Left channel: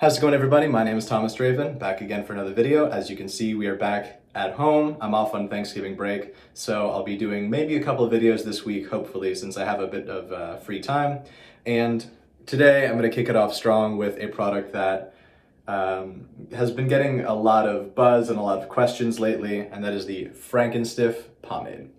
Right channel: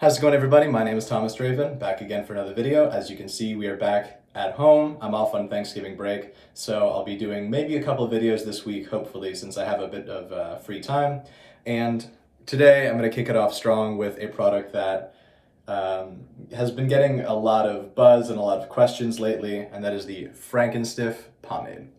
How's it going, everybody? My name is Thomas Draven, back again for another video. As you can see, we are back at home. I'm off on Thanksgiving break, so I'll be doing maybe a couple of videos this week, hopefully, since I have a bit of free time. And today, I'm going to kick it off strong with a product that has been getting a lot of buzz and a lot of questions lately, and that is the Frankenstiff Pomade.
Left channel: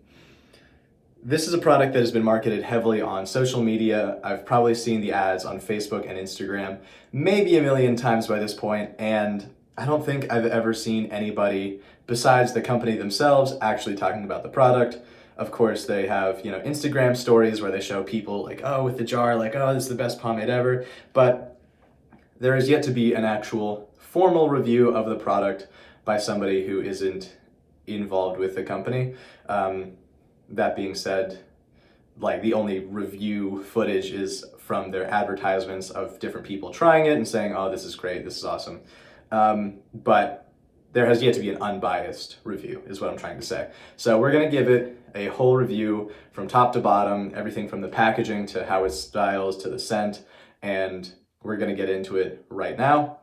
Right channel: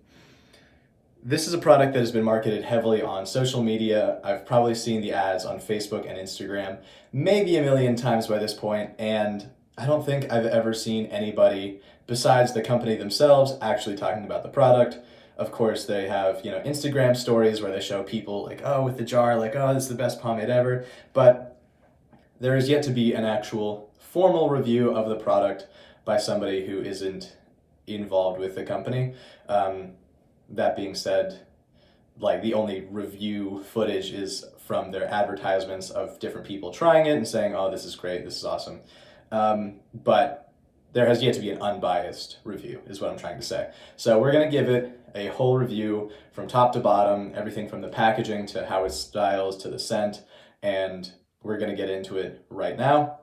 This is a product that has been marketed heavily on social media. I've probably seen the ads on Facebook and Instagram maybe a million times by this point, and I don't think I've ever seen anybody besides the company themselves actually talking about the product. Of course, they have, Instagram stories where they show people like, oh, with the jar, like, oh, this is the best pomade ever. But there is yet to be an actual formal review of the product by somebody who isn't involved with the company. That being said, like, the only review footage is from their advertisements of different people trying it and saying, oh, this is great, this is awesome. But there has yet to be an unbiased review, is what I'm trying to say. So we're gonna give it a whole review from top to bottom, everything from the packaging to how it styles to the scent, and we're gonna get into it right now.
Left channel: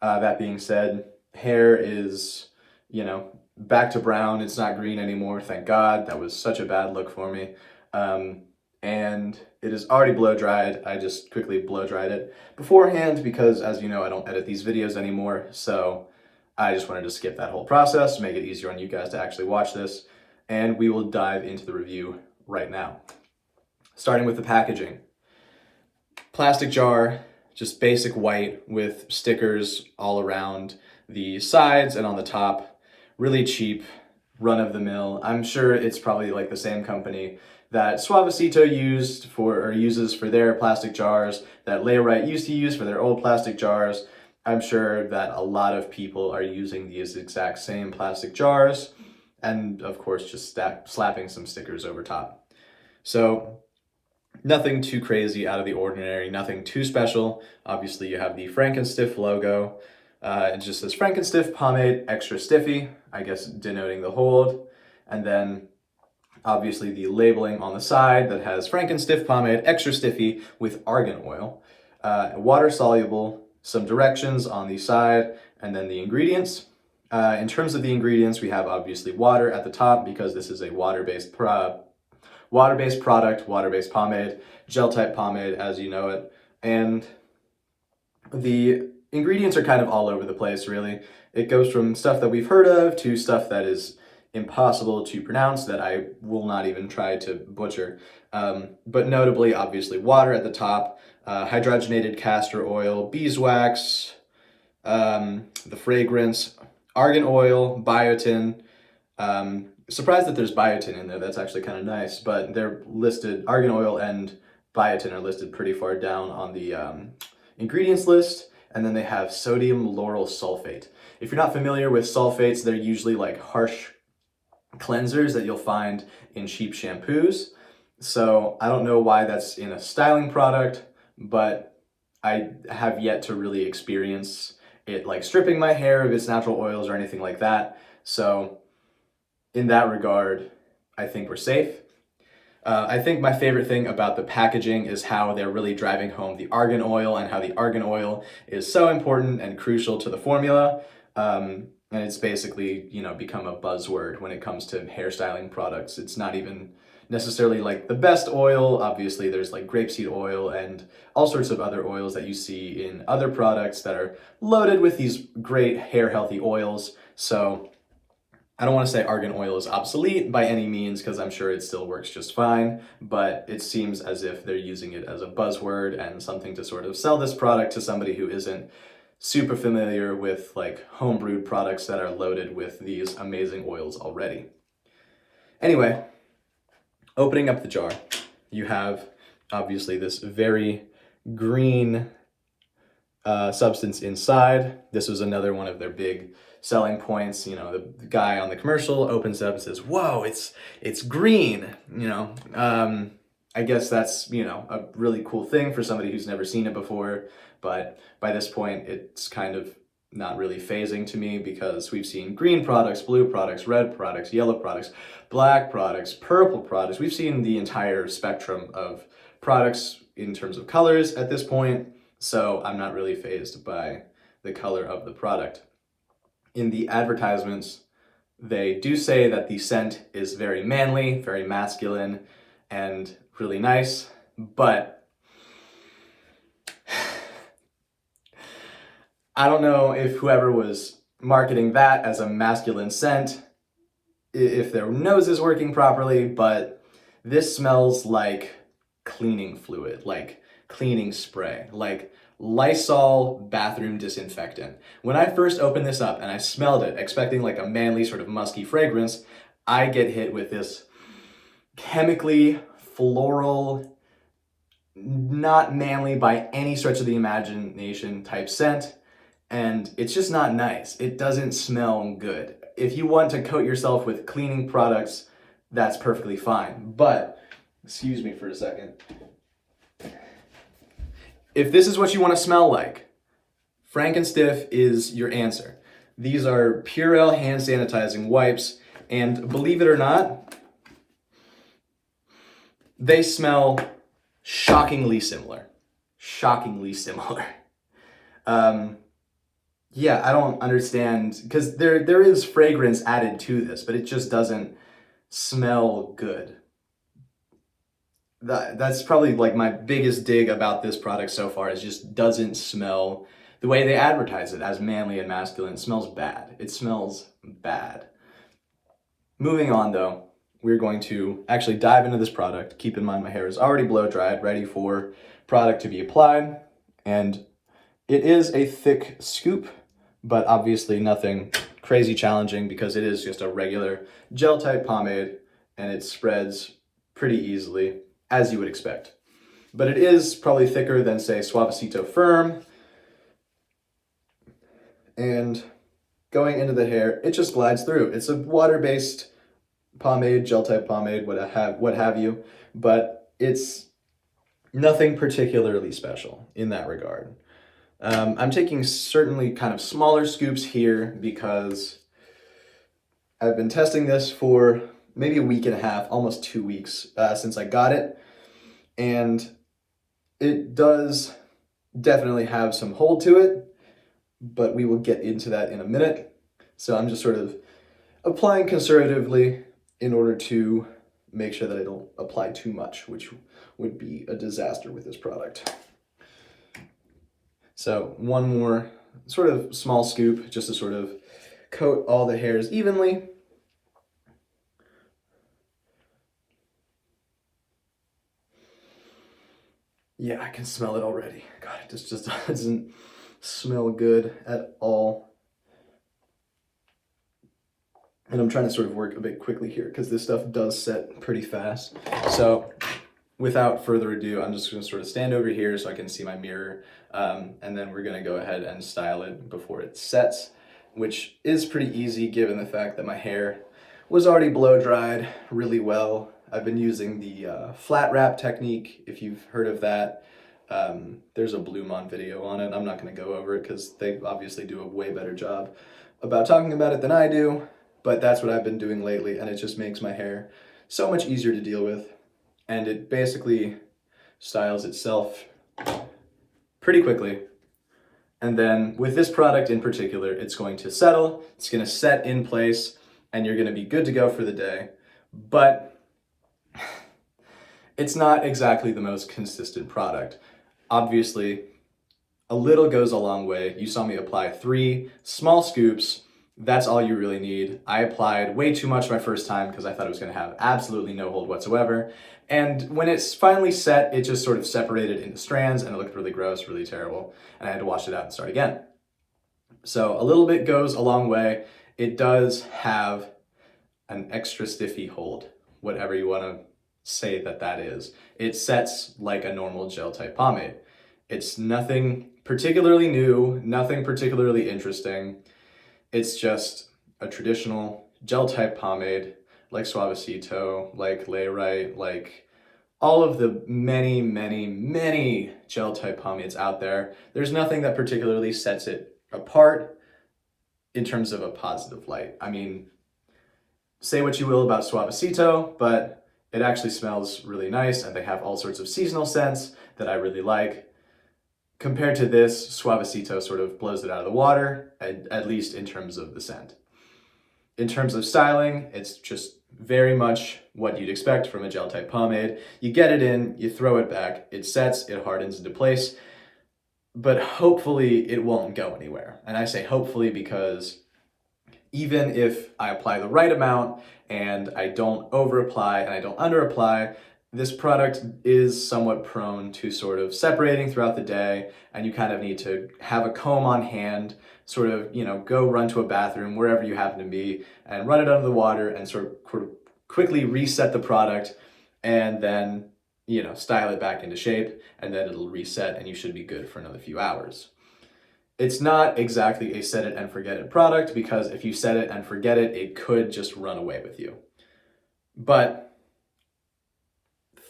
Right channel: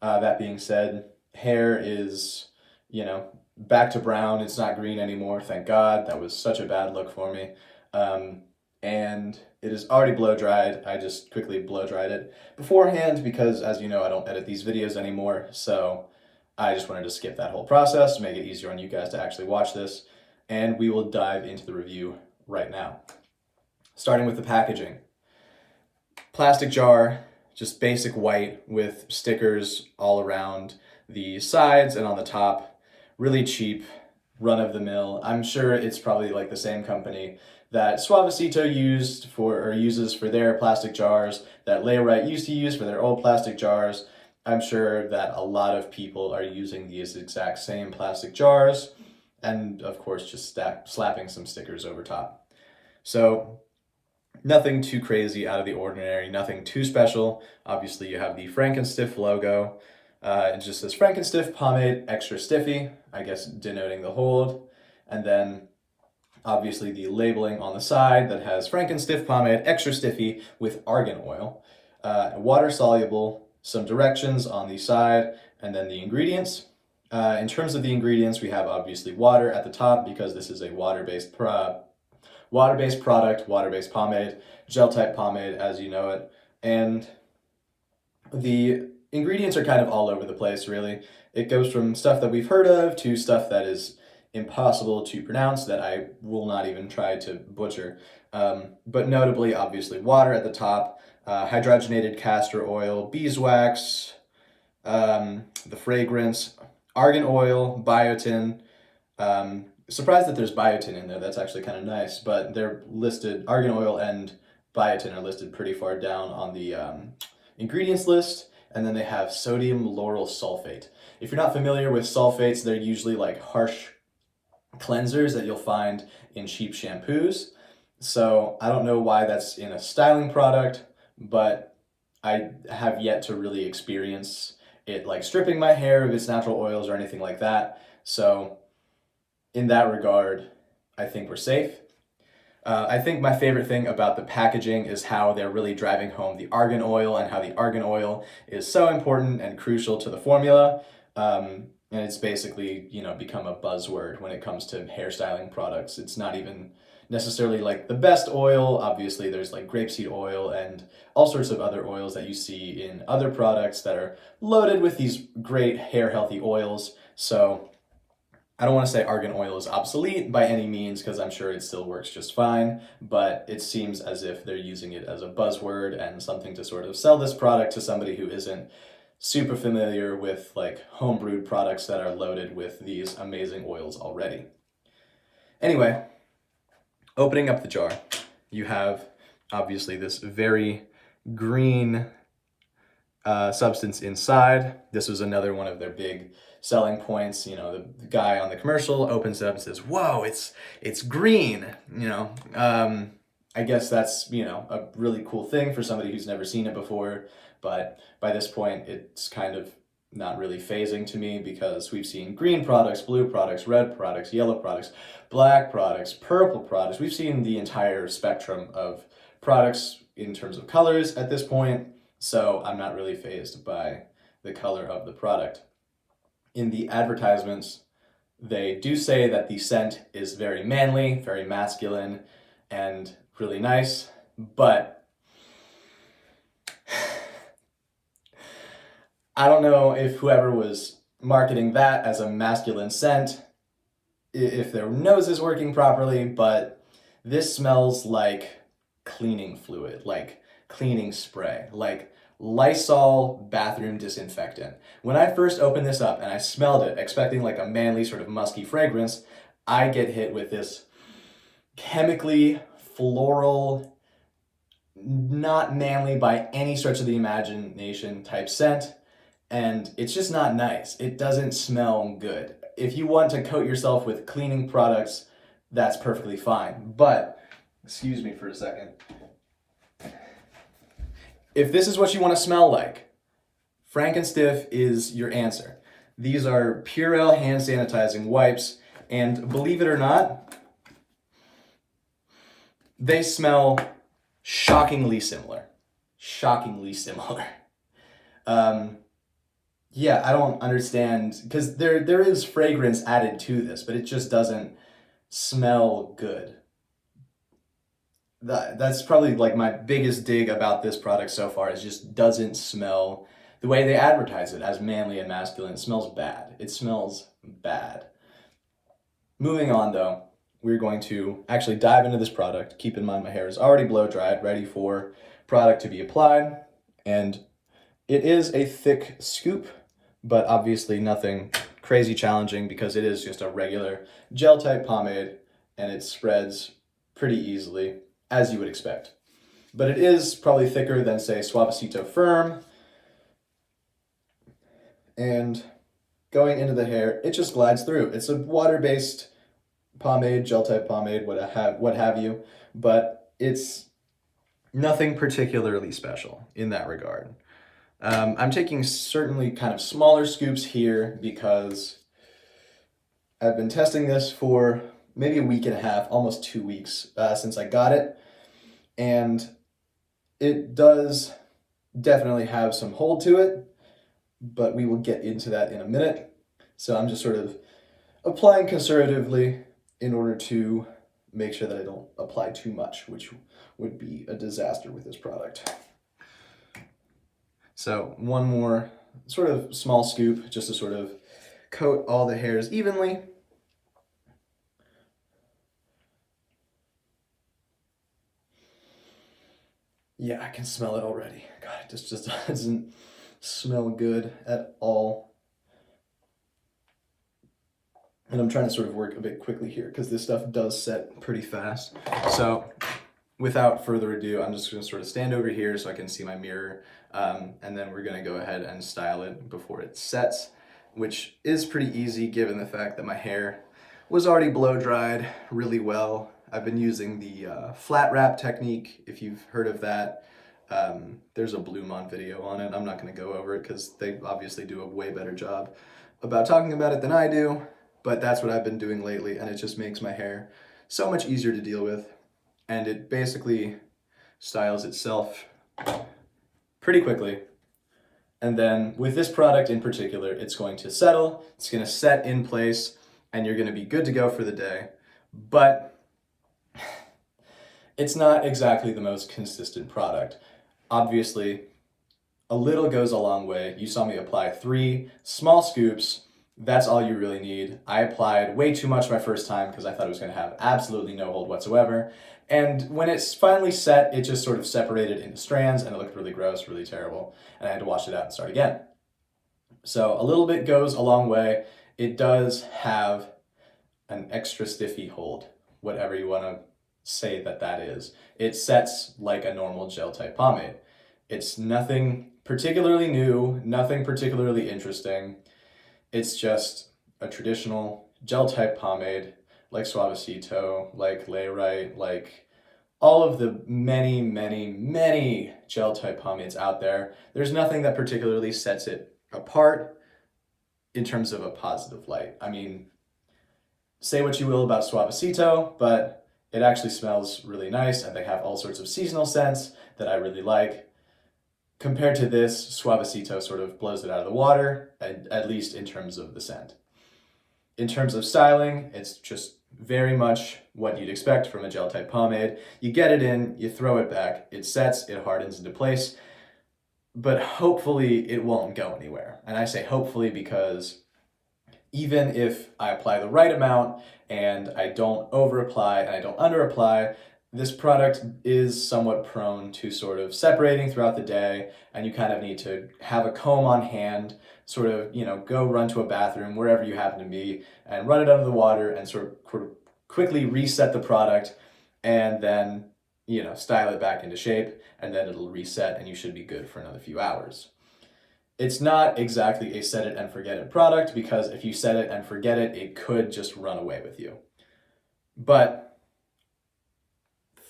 That being said, hair is, back to brown. It's not green anymore, thank God. That was such a bad look for me. And it is already blow dried. I just quickly blow dried it beforehand because, as you know, I don't edit these videos anymore, so I just wanted to skip that whole process, make it easier on you guys to actually watch this, and we will dive into the review right now. Starting with the packaging. Plastic jar, just basic white with stickers all around the sides and on the top. Really cheap, run-of-the-mill. I'm sure it's probably like the same company that Suavecito uses for their plastic jars, that Layrite used to use for their old plastic jars. I'm sure that a lot of people are using these exact same plastic jars, and of course just slapping some stickers over top. So nothing too crazy out of the ordinary, nothing too special. Obviously you have the Frankenstiff logo. It just says Frankenstiff Pomade Extra Stiffy, I guess denoting the hold. And then obviously the labeling on the side that has Frankenstiff Pomade Extra Stiffy with argan oil. Water soluble, some directions on the side, and then the ingredients. In terms of the ingredients, we have obviously water at the top because this is a water-based product, water-based pomade, gel-type pomade as you know it. And the ingredients are kind of all over the place, really. It goes from stuff that we've heard of to stuff that is impossible to pronounce that I will not even try to butcher. But notably, obviously, water at the top, hydrogenated castor oil, beeswax, the fragrance, argan oil, biotin. Surprised that there's biotin in there. That's actually kind of nice, but they're listed, argan oil and biotin are listed pretty far down on the ingredients list. And then they have sodium lauryl sulfate. If you're not familiar with sulfates, they're usually like harsh cleansers that you'll find in cheap shampoos. So I don't know why that's in a styling product, but I have yet to really experience it like stripping my hair of its natural oils or anything like that. So in that regard, I think we're safe. I think my favorite thing about the packaging is how they're really driving home the argan oil and how the argan oil is so important and crucial to the formula. And it's basically, become a buzzword when it comes to hairstyling products. It's not even necessarily like the best oil. Obviously, there's like grapeseed oil and all sorts of other oils that you see in other products that are loaded with these great hair healthy oils. So I don't want to say argan oil is obsolete by any means, because I'm sure it still works just fine, but it seems as if they're using it as a buzzword and something to sort of sell this product to somebody who isn't super familiar with like homebrewed products that are loaded with these amazing oils already. Anyway, opening up the jar, you have obviously this very green substance inside. This was another one of their big selling points. The guy on the commercial opens it up and says, whoa, it's green. I guess that's, a really cool thing for somebody who's never seen it before. But by this point, it's kind of not really phasing to me because we've seen green products, blue products, red products, yellow products, black products, purple products. We've seen the entire spectrum of products in terms of colors at this point. So I'm not really phased by the color of the product. In the advertisements, they do say that the scent is very manly, very masculine, and really nice, but I don't know if whoever was marketing that as a masculine scent, if their nose is working properly, but this smells like cleaning fluid, like cleaning spray, like Lysol bathroom disinfectant. When I first opened this up and I smelled it, expecting like a manly sort of musky fragrance, I get hit with this chemically floral, not manly by any stretch of the imagination type scent, and it's just not nice. It doesn't smell good. If you want to coat yourself with cleaning products, that's perfectly fine, but excuse me for a second. If this is what you want to smell like, Frankenstiff is your answer. These are Purell hand sanitizing wipes, and believe it or not, they smell shockingly similar. Shockingly similar. Yeah, I don't understand, because there is fragrance added to this, but it just doesn't smell good. That's probably like my biggest dig about this product so far, is just doesn't smell the way they advertise it as manly and masculine. It smells bad. It smells bad. Moving on though, we're going to actually dive into this product. Keep in mind my hair is already blow dried, ready for product to be applied, and it is a thick scoop, but obviously nothing crazy challenging because it is just a regular gel type pomade and it spreads pretty easily, as you would expect. But it is probably thicker than, say, Suavecito Firme. And going into the hair, it just glides through. It's a water-based pomade, gel type pomade, what have you, but it's nothing particularly special in that regard. I'm taking certainly kind of smaller scoops here because I've been testing this for maybe a week and a half, almost 2 weeks since I got it. And it does definitely have some hold to it, but we will get into that in a minute. So I'm just sort of applying conservatively in order to make sure that I don't apply too much, which would be a disaster with this product. So one more sort of small scoop just to sort of coat all the hairs evenly. Yeah, I can smell it already. God, it just doesn't smell good at all. And I'm trying to sort of work a bit quickly here because this stuff does set pretty fast. So without further ado, I'm just going to sort of stand over here so I can see my mirror. And then we're going to go ahead and style it before it sets, which is pretty easy given the fact that my hair was already blow dried really well. I've been using the flat wrap technique, if you've heard of that. There's a Blue Mon video on it. I'm not going to go over it because they obviously do a way better job about talking about it than I do, but that's what I've been doing lately, and it just makes my hair so much easier to deal with, and it basically styles itself pretty quickly. And then with this product in particular, it's going to settle, it's going to set in place, and you're going to be good to go for the day. But it's not exactly the most consistent product. Obviously, a little goes a long way. You saw me apply 3 small scoops. That's all you really need. I applied way too much my first time because I thought it was going to have absolutely no hold whatsoever. And when it's finally set, it just sort of separated into strands and it looked really gross, really terrible. And I had to wash it out and start again. So a little bit goes a long way. It does have an extra stiffy hold, whatever you want to say that is. It sets like a normal gel type pomade. It's nothing particularly new, nothing particularly interesting. It's just a traditional gel type pomade like Suavecito, like Layrite, like all of the many, many, many gel type pomades out there. There's nothing that particularly sets it apart in terms of a positive light. I mean, say what you will about Suavecito, but it actually smells really nice and they have all sorts of seasonal scents that I really like. Compared to this, Suavecito sort of blows it out of the water, at least in terms of the scent. In terms of styling, it's just very much what you'd expect from a gel-type pomade. You get it in, you throw it back, it sets, it hardens into place, but hopefully it won't go anywhere. And I say hopefully because even if I apply the right amount and I don't over-apply and I don't under-apply, this product is somewhat prone to sort of separating throughout the day, and you kind of need to have a comb on hand, sort of, go run to a bathroom, wherever you happen to be, and run it under the water and sort of quickly reset the product, and then, style it back into shape, and then it'll reset and you should be good for another few hours. It's not exactly a set it and forget it product, because if you set it and forget it, it could just run away with you. But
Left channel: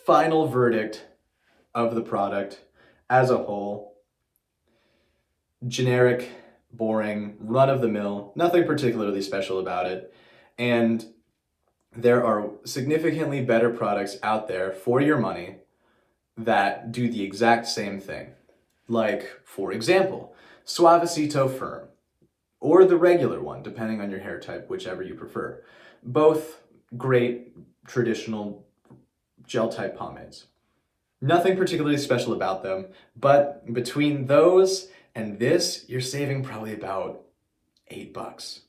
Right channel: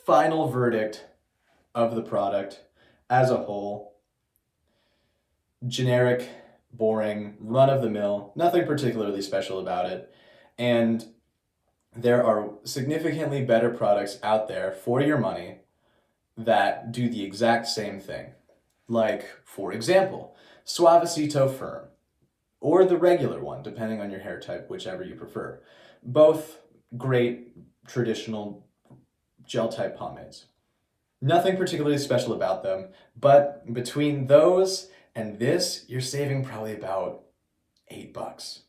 final verdict of the product as a whole: generic, boring, run-of-the-mill, nothing particularly special about it. And there are significantly better products out there for your money that do the exact same thing. Like, for example, Suavecito Firme, or the regular one, depending on your hair type, whichever you prefer. Both great traditional gel-type pomades. Nothing particularly special about them, but between those and this, you're saving probably about $8.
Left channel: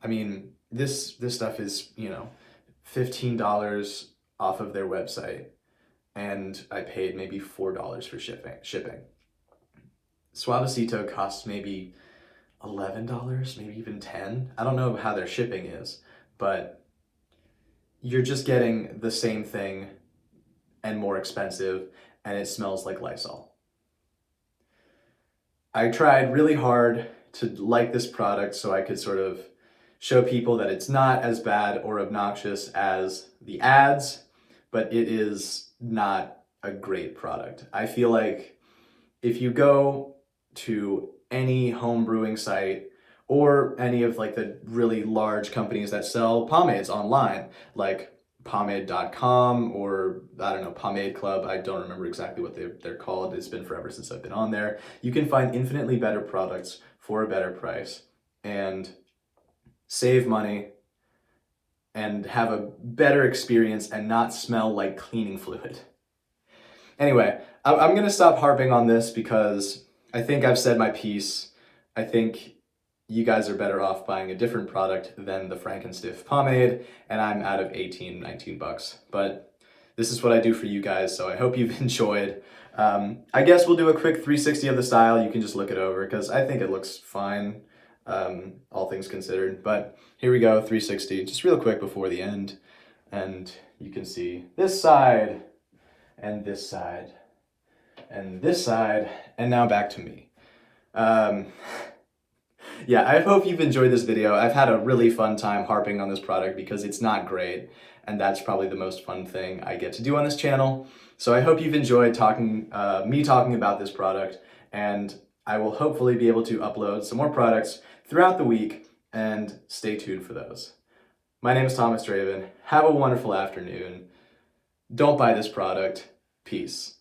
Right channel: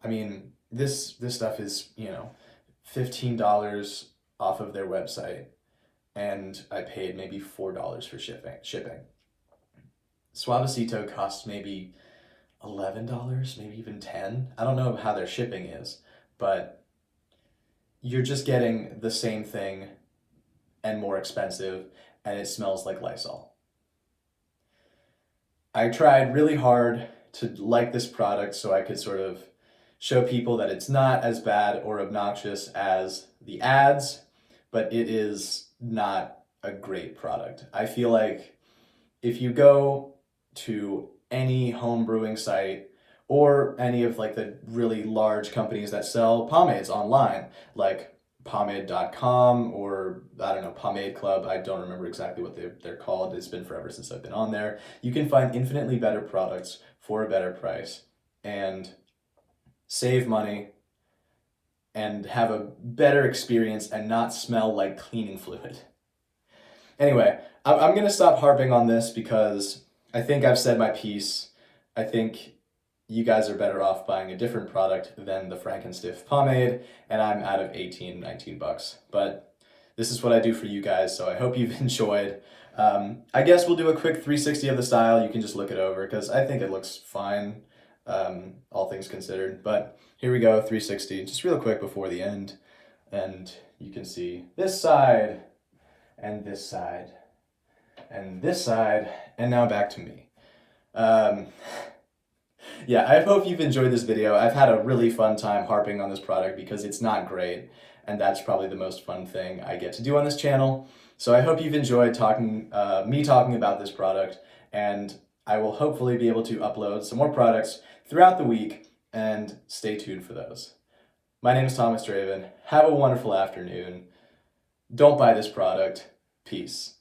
I mean, this stuff is, $15 off of their website, and I paid maybe $4 for shipping. Suavecito costs maybe $11, maybe even $10. I don't know how their shipping is, but you're just getting the same thing and more expensive, and it smells like Lysol. I tried really hard to like this product so I could sort of show people that it's not as bad or obnoxious as the ads, but it is not a great product. I feel like if you go to any home brewing site or any of like the really large companies that sell pomades online, like pomade.com or, I don't know, Pomade Club, I don't remember exactly what they're called. It's been forever since I've been on there. You can find infinitely better products for a better price and save money and have a better experience and not smell like cleaning fluid. Anyway, I'm gonna stop harping on this because I think I've said my piece. I think you guys are better off buying a different product than the Frankenstiff Pomade, and I'm out of $19 but this is what I do for you guys, so I hope you've enjoyed. I guess we'll do a quick 360 of the style. You can just look it over, because I think it looks fine, all things considered. But here we go, 360, just real quick before the end, and you can see this side, and this side, and this side, and now back to me. Yeah, I hope you've enjoyed this video. I've had a really fun time harping on this product because it's not great, and that's probably the most fun thing I get to do on this channel. So I hope you've enjoyed me talking about this product, and I will hopefully be able to upload some more products throughout the week, and stay tuned for those. My name is Thomas Draven. Have a wonderful afternoon. Don't buy this product. Peace.